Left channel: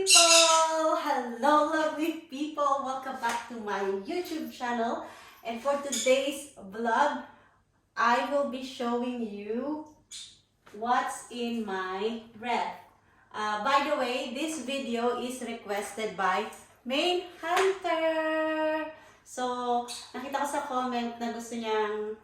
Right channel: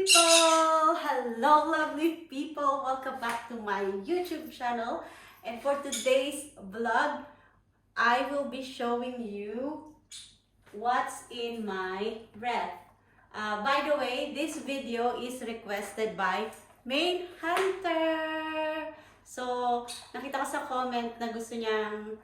people! Hello lovely people! Welcome back to my YouTube channel. And for today's vlog, I will be showing you what's in my ref. By the way, this video is requested by Analyn Hepper. So, nakita ko sa comment na gusto niyang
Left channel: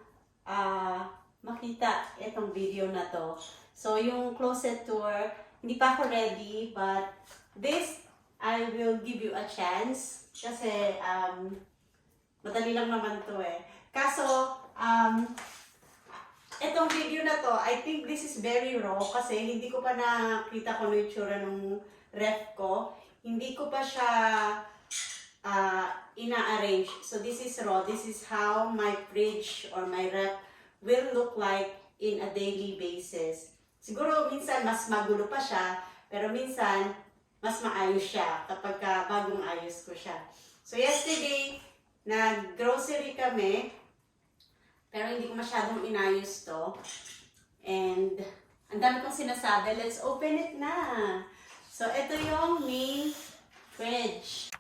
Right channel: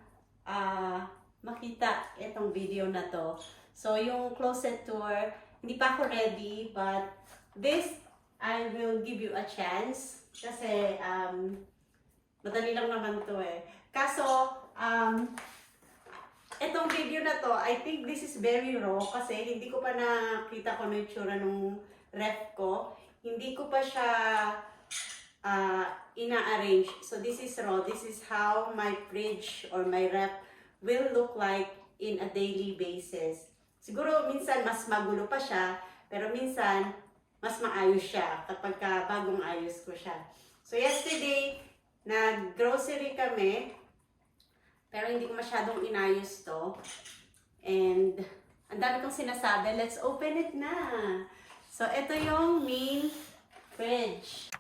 makita itong video na to. So, yung closet tour, hindi pa ako ready, but this, I will give you a chance. Kasi, madali lang naman to eh. Kaso, itong video na to, I think this is very raw kasi hindi ko pa nakita kung ano yung tsura ng ref ko. Hindi ko pa siya ina-arrange. So, this is raw. This is how my fridge or my ref will look like in a daily basis. Siguro minsan mas magulo pa siya, pero minsan mas maayos siya kapag bagong ayos ko siya. So yesterday, nag-grocery kami, pero hindi ko masyadong inayos to. And ang dami kong sinasabi, let's open it na. So ito yung main fridge.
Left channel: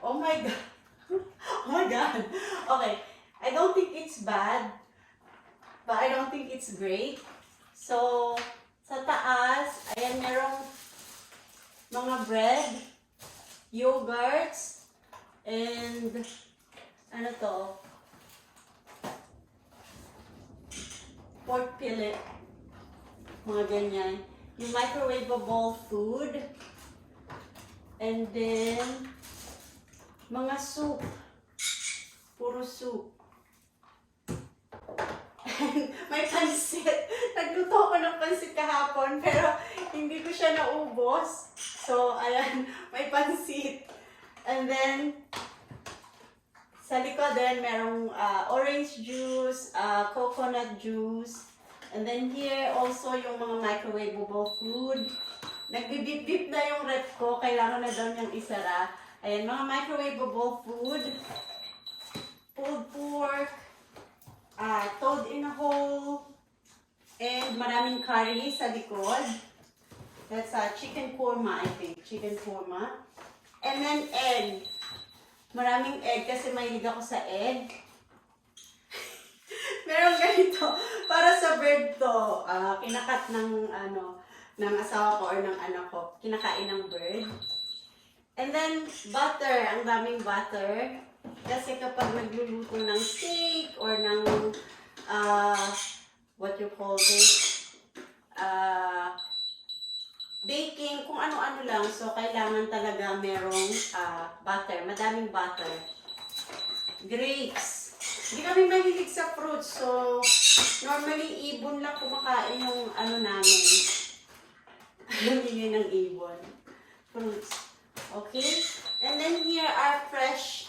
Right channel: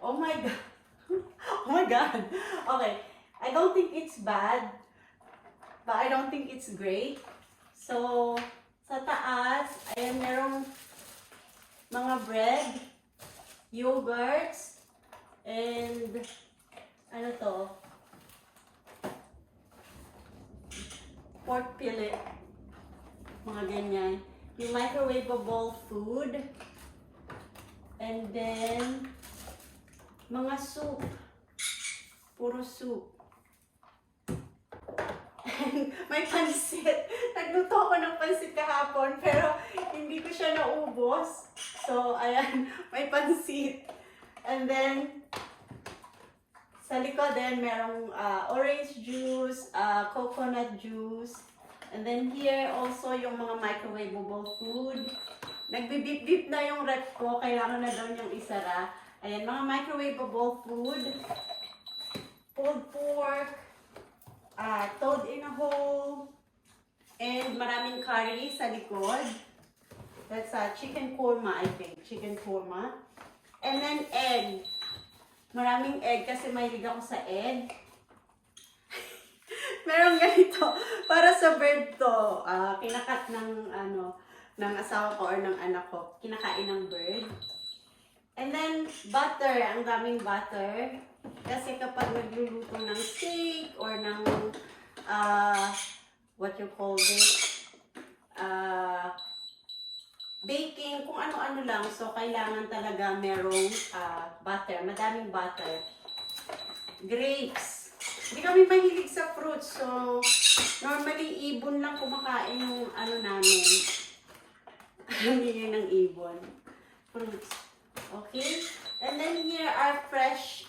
Oh my God. Oh my God. Okay. I don't think it's bad, but I don't think it's great. So, sa taas, ayan, merong mga bread, yogurts, and ano to? Pork fillet. Mga ganyan. Yung microwavable food. And then, mga soup. Puro soup. May pansit. Nagluto ko ng pansit kahapon, pero hindi ko siya naubos. So, ayan, may pansit. And then, sa likod din, merong orange juice, coconut juice. And then here, also yung mga microwavable food. Nagbibip-bip na yung ref ko. Kailangan na daw niyang isara. Ayan, mga microwavable food. Pulled pork. Toad in a hole, and maraming curry sa likod. That's chicken korma, I think. Chicken korma. And then egg. Maraming egg kasi mahilig ako sa egg. Merong ganito. Para sa bird to. Kinakat ng, ng asawa ko or ng anak ko. Kinakain ng bird. And then butter. Ang daming butter. Kasi kapag nagluluto ng steak or ng what you call this, baking, kung ano-ano lang. So, kailangan talaga merong butter. Madaming butter. Grapes. Hindi kami mahilig sa fruits. So, normally, ibon lang kumakain yung namin. Hindi ng ibon. Fruits. Okay? And then here are fresh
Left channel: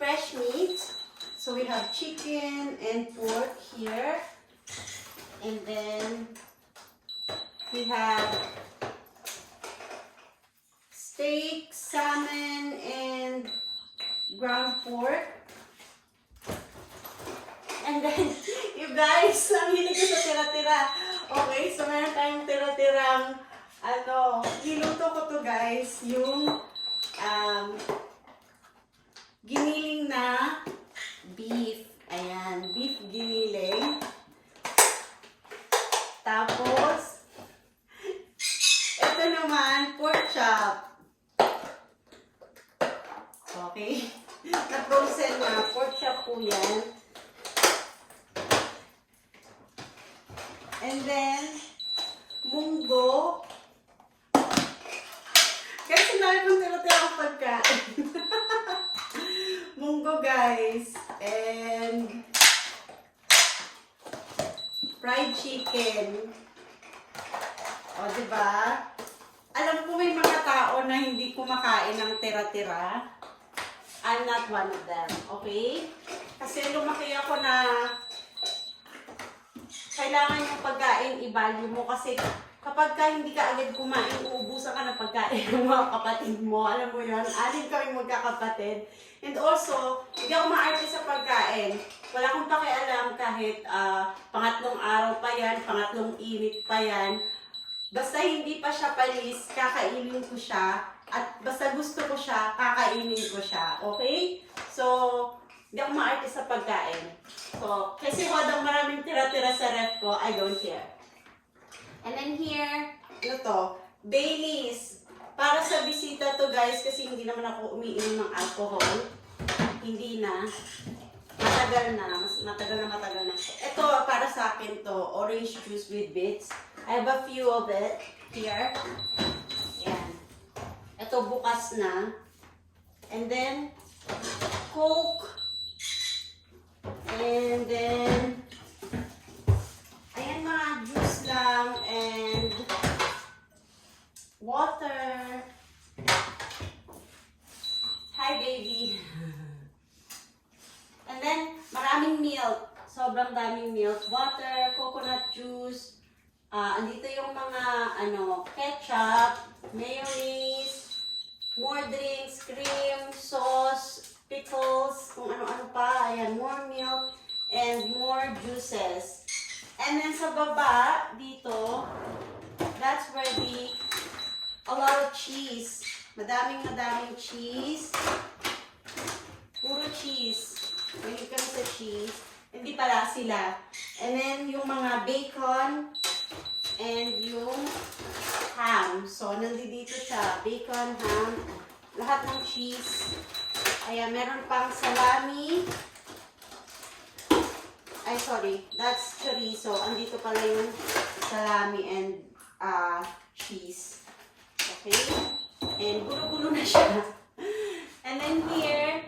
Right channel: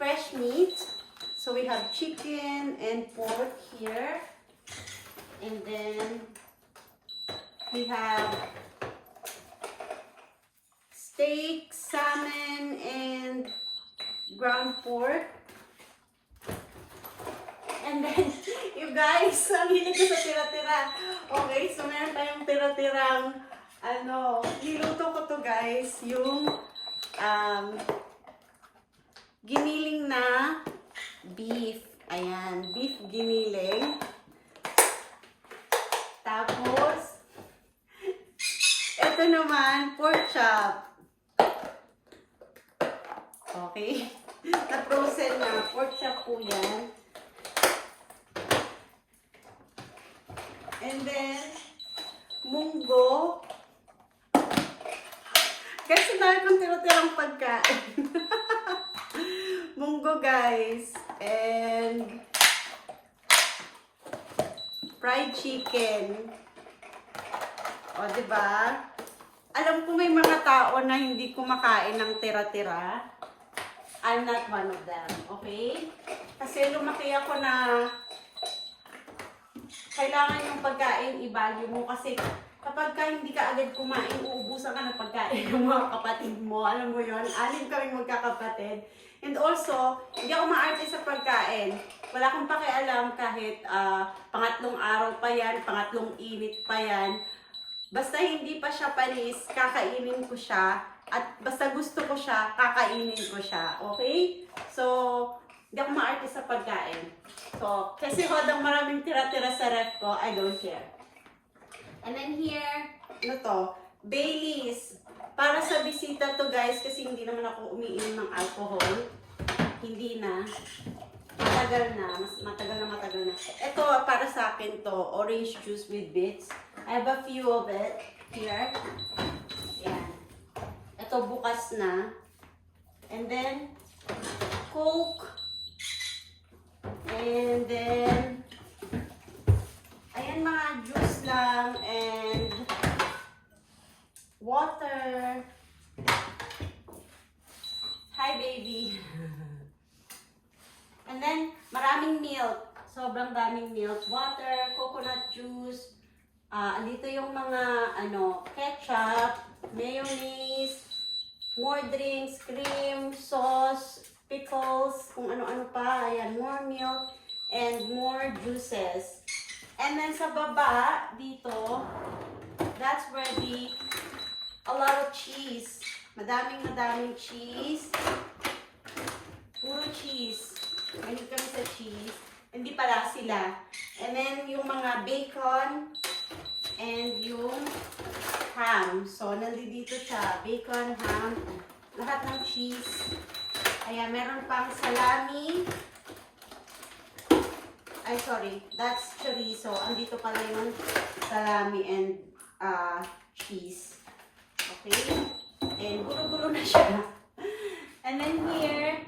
fresh meat. So we have chicken and pork here. And then we have steak, salmon, and ground pork. And then, you guys, ang hilig ko sa tira-tira. Okay, so meron tayong tira-tirang niluto ko to guys, yung giniling na beef. Ayan, beef giniling. Tapos, ito naman, pork chop. Okay? Na-frozen na. Pork chop po yan. And then, munggo. Kasi dahil kong tira-tirang pagkain. Munggo guys. And fried chicken. O, diba? Alam ko may mga tao na hindi kumakain ng tira-tira. I'm not one of them. Okay? Kasi lumaki ako na kailangan yung pagkain i-value mo kasi kapag hindi ka agad kumain, uubusan ka ng pagkain ng mga kapatid mo. Alam mo yun, 6 kami magkakapatid. And also, hindi ako maarte sa pagkain. pagkain. Wala akong pakialam kahit pangatlong araw pa yan, pangatlong init pa yan. Basta hindi pa siya panis, kakainin ko siya. At basta gusto ko siya, kakainin ko siya. Okay? So, hindi ako maarte sa pagkain. So, kasi hodang maraming tira-tira sa ref ko, I don't care. And then here, ano to? Baileys. Para sa bisita to guys, kasi hindi naman ako umiinom ng alcohol. Hindi na. Matagal na. Matagal na. Ito, para sa akin to, orange juice with bits. I have a few of it here. Yan. Ito, bukas na. And then, Coke. And then, ayan mga juice lang. And water. Hi, baby. And then, maraming milk. Sobrang daming milk. Water, coconut juice. Andito yung mga, ketchup, mayonnaise, more drinks, cream, sauce, pickles, kung ano-ano pa. Ayan, more milk, and more juices. And then sa baba, dito, that's where a lot of cheese. Madaming cheese. Puro cheese. Mahilig kami sa cheese. Hindi pala sila. And then yung mga bacon and yung ham. So nandito siya. Bacon, ham, lahat ng cheese. Ayan, meron pang salami. Ay, sorry. That's chorizo. Andito pala yung salami and cheese. Okay? And gulo-gulo na siya. And then here,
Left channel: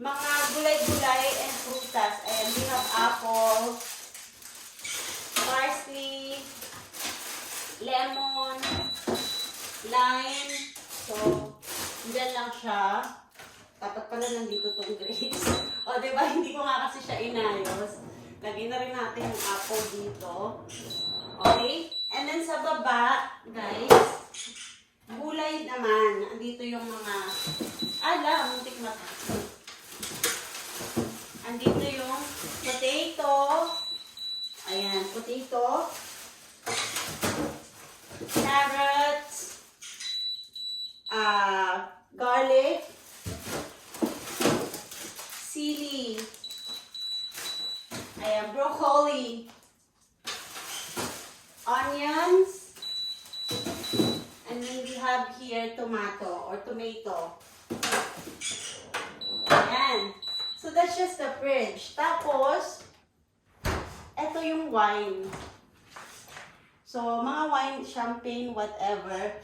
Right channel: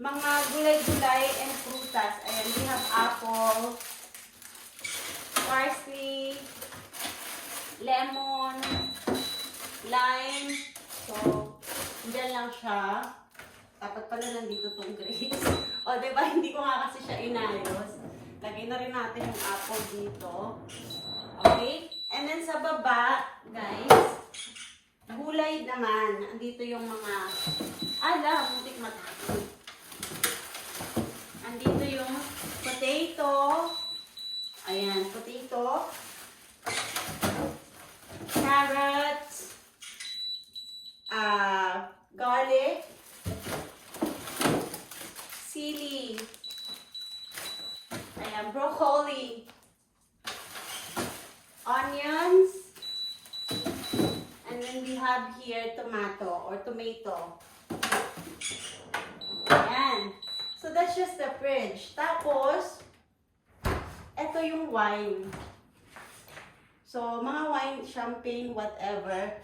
mga gulay-gulay and prutas. And we have apple, parsley, lemon, lime. So, dyan lang siya. Dapat pala nandito itong grapes. O, diba? Hindi ko nga kasi siya inayos. Lagay na rin natin yung apple dito. Okay? And then sa baba, guys, gulay naman. Andito yung mga, muntik matapos. Andito yung potato. Ayan, potato. Carrots. Garlic. Sili. Ayan, broccoli. Onions. And then we have here tomato. Ayan. So that's just the fridge. Tapos, ito yung wine. So, mga wine, champagne, whatever,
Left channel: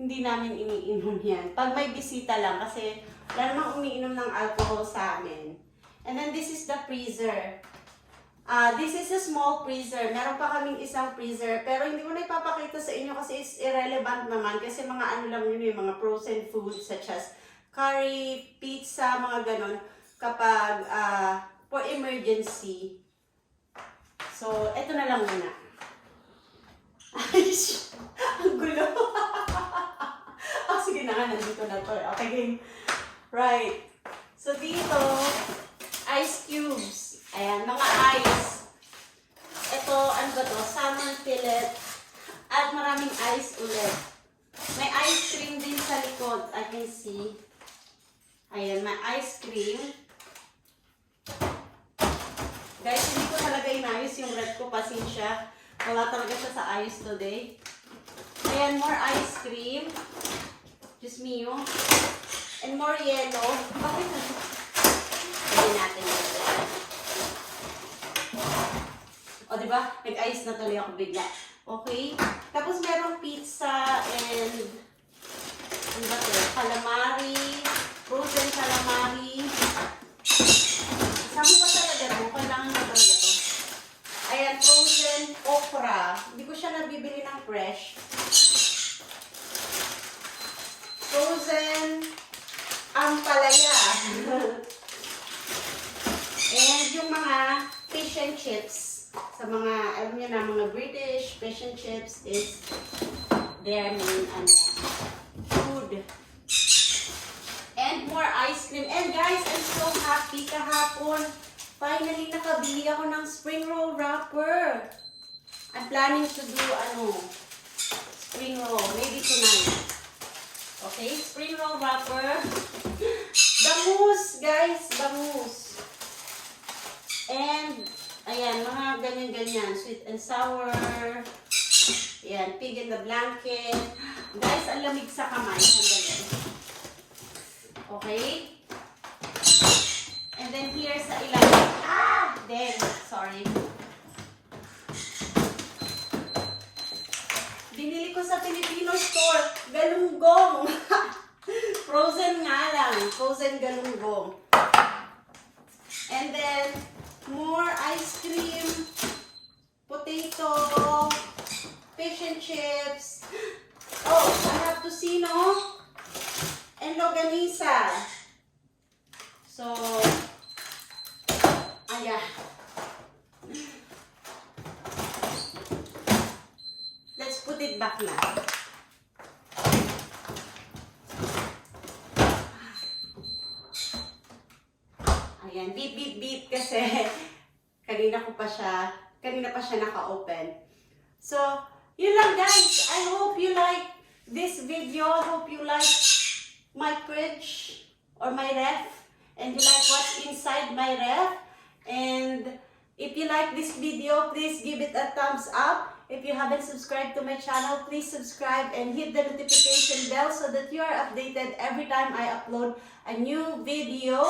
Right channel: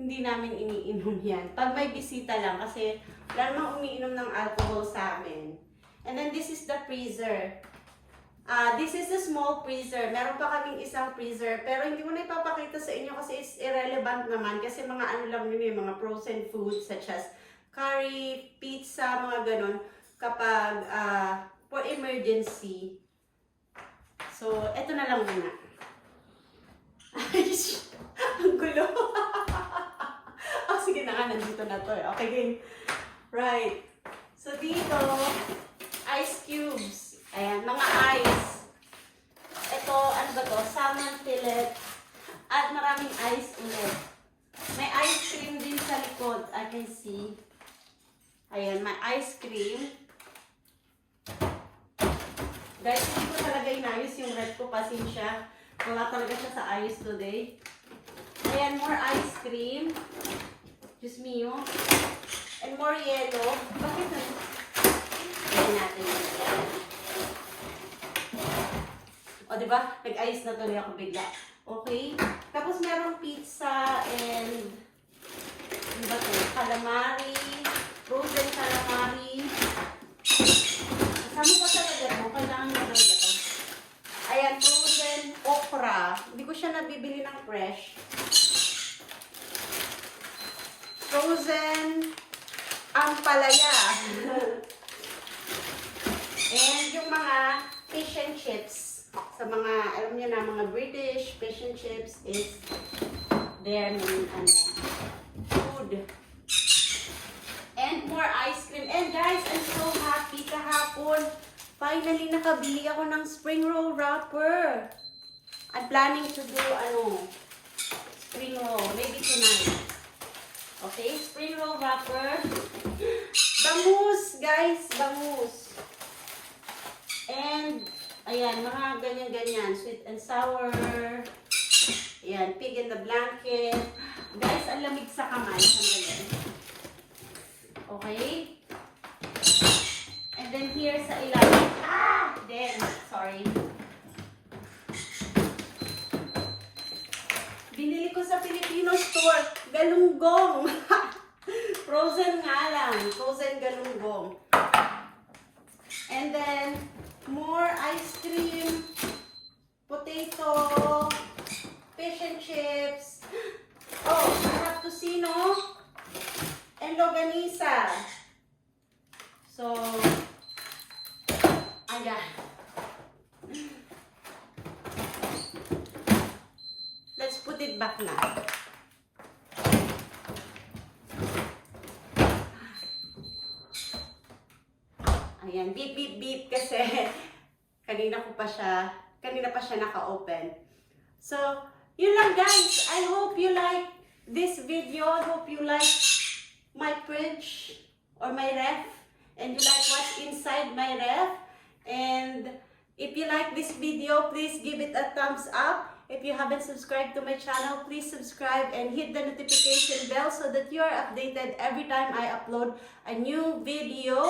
hindi namin iniinom yan. Pag may bisita lang, kasi wala namang umiinom ng alcohol sa amin. And then this is the freezer. This is a small freezer. Meron pa kaming isang freezer, pero hindi ko na ipapakita sa inyo kasi it's irrelevant naman. Kasi mga ano lang yun, mga frozen foods such as curry, pizza, mga ganon. Kapag for emergency. So, eto na lang muna. Ay, ang gulo. Sige na nga, nandito na to. Okay, game. Right. So, dito, ice cubes. Ayan, mga ice. Ito, ano ba to? Salmon fillet. At maraming ice ulit. May ice cream din sa likod. I can see. Ayan, may ice cream. Guys, hindi ko talaga inayos yung red ko. Pasensya. Wala talaga siya sa ayos today. Ayan, more ice cream. Diyos mio. And more yellow. Bakit na? Ayan natin. O, diba? Nag-ice na tuloy ako bigla. Okay? Tapos merong pizza and ano ba ito? Calamari. Frozen calamari. Isama pa talaga ito. Kailangan nyo talaga ito. Ayan, frozen okra. Hindi ko siya nabibili ng fresh. Frozen ampalaya. And yung mga fish and chips. Sa mga, alam niyo na, mga British fish and chips is their main food. And more ice cream. And guys, I'm so happy kahapon. kahapon, finally nakabili ako ng spring roll wrapper. I'm planning to do, spring roll. Maybe tonight. Okay, spring roll wrapper. Bangus, guys, bangus. And, ayan, mga ganyan-ganyan. Sweet and sour. Ayan, pig in the blanket. Guys, ang lamig sa kamay. Sandali. Okay? And then here sa ilalim. Sorry. Binili ko sa Filipino store. Galunggong. Frozen nga lang. Frozen galunggong. And then, more ice cream. Potato. Fish and chips. Oh, I have tocino. And longanisa. So, ayan. Let's put it back na. Ayan, beep, beep, beep kasi kanina pa siya naka-open. So, yun lang guys. I hope you like this video. I hope you like my fridge or my ref. And you like what's inside my ref. And if you like this video, please give it a thumbs up. If you haven't subscribed to my channel, please subscribe and hit the notification bell so that you are updated every time I upload a new video.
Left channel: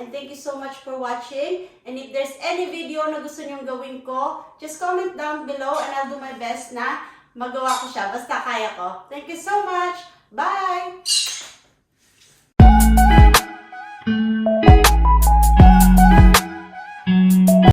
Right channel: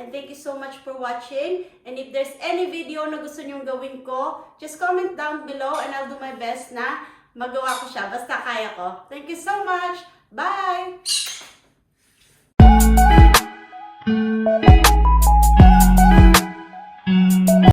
And thank you so much for watching. And if there's any video na gusto nyong gawin ko, just comment down below and I'll do my best na magawa ko siya. Basta kaya ko. Thank you so much. Bye!